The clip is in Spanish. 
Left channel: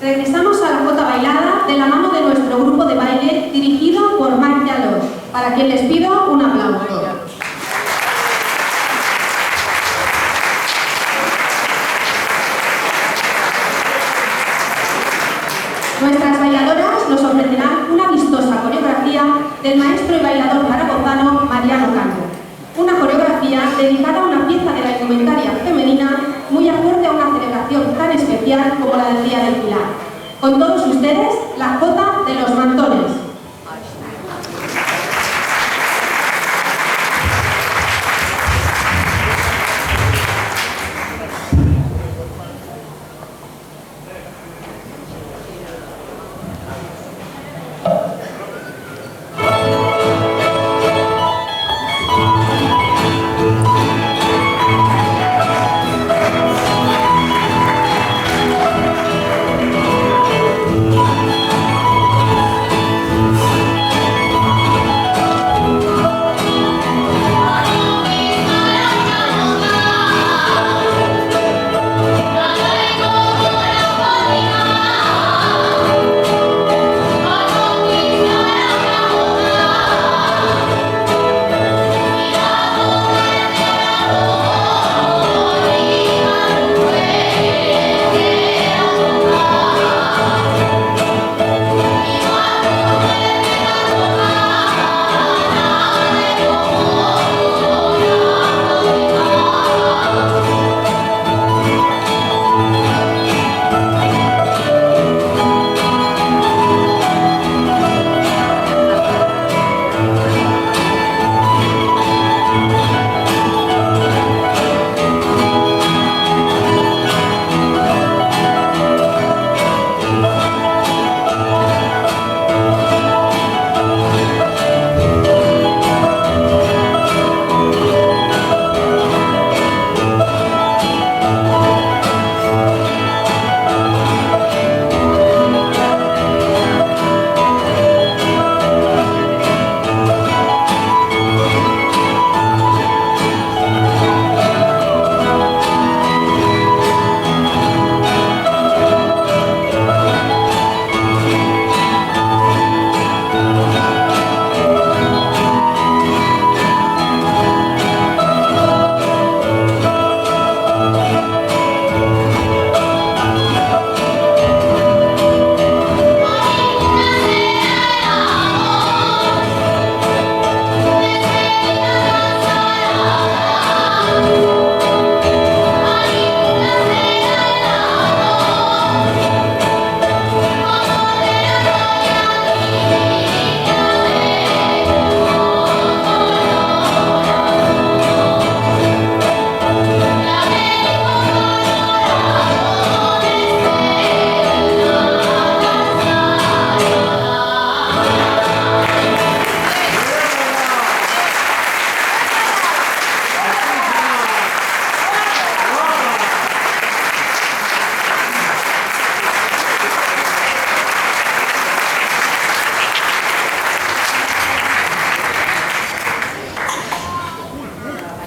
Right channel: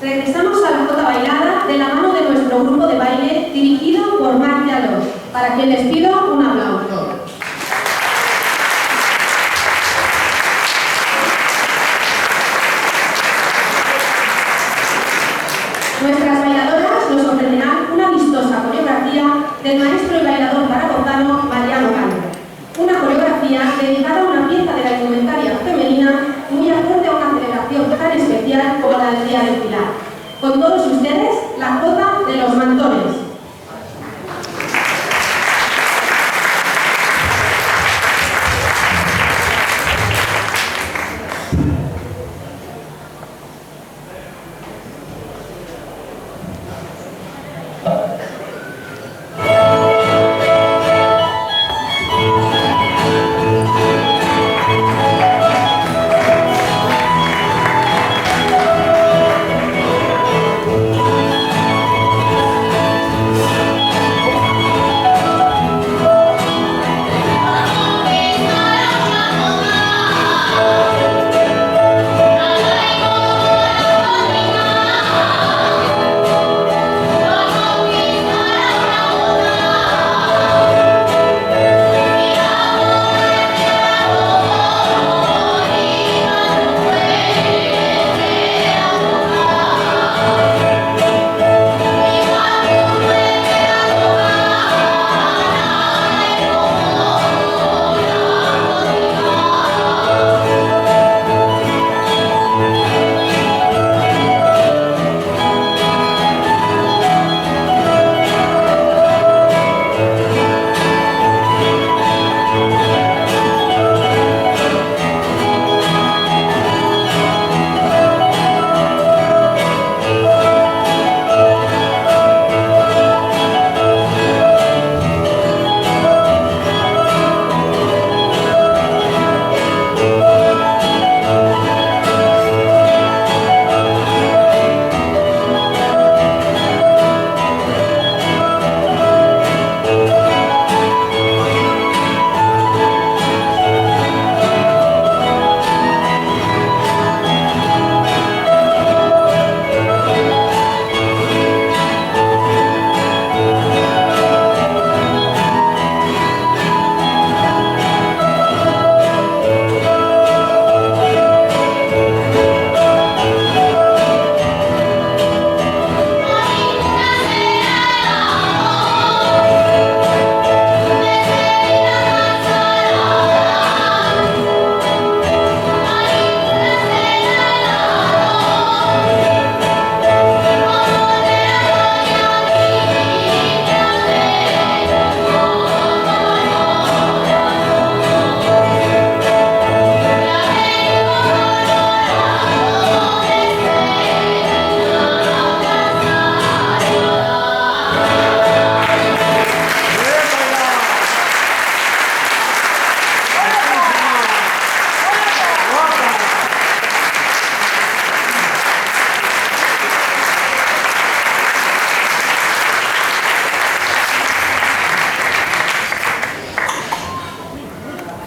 Regresamos a la jota bailada de la mano de nuestro grupo de baile dirigido por Marc Lladó, para quien les pido un aplauso. Nuestras bailadoras nos ofrecerán una vistosa coreografía del maestro y bailador zaragozano Mariano Cano. Una coreografía dedicada a una pieza de la indumentaria femenina muy acorde a una celebración tan especial como la del Día del Pilar. Con todos ustedes, la jota de los mantones.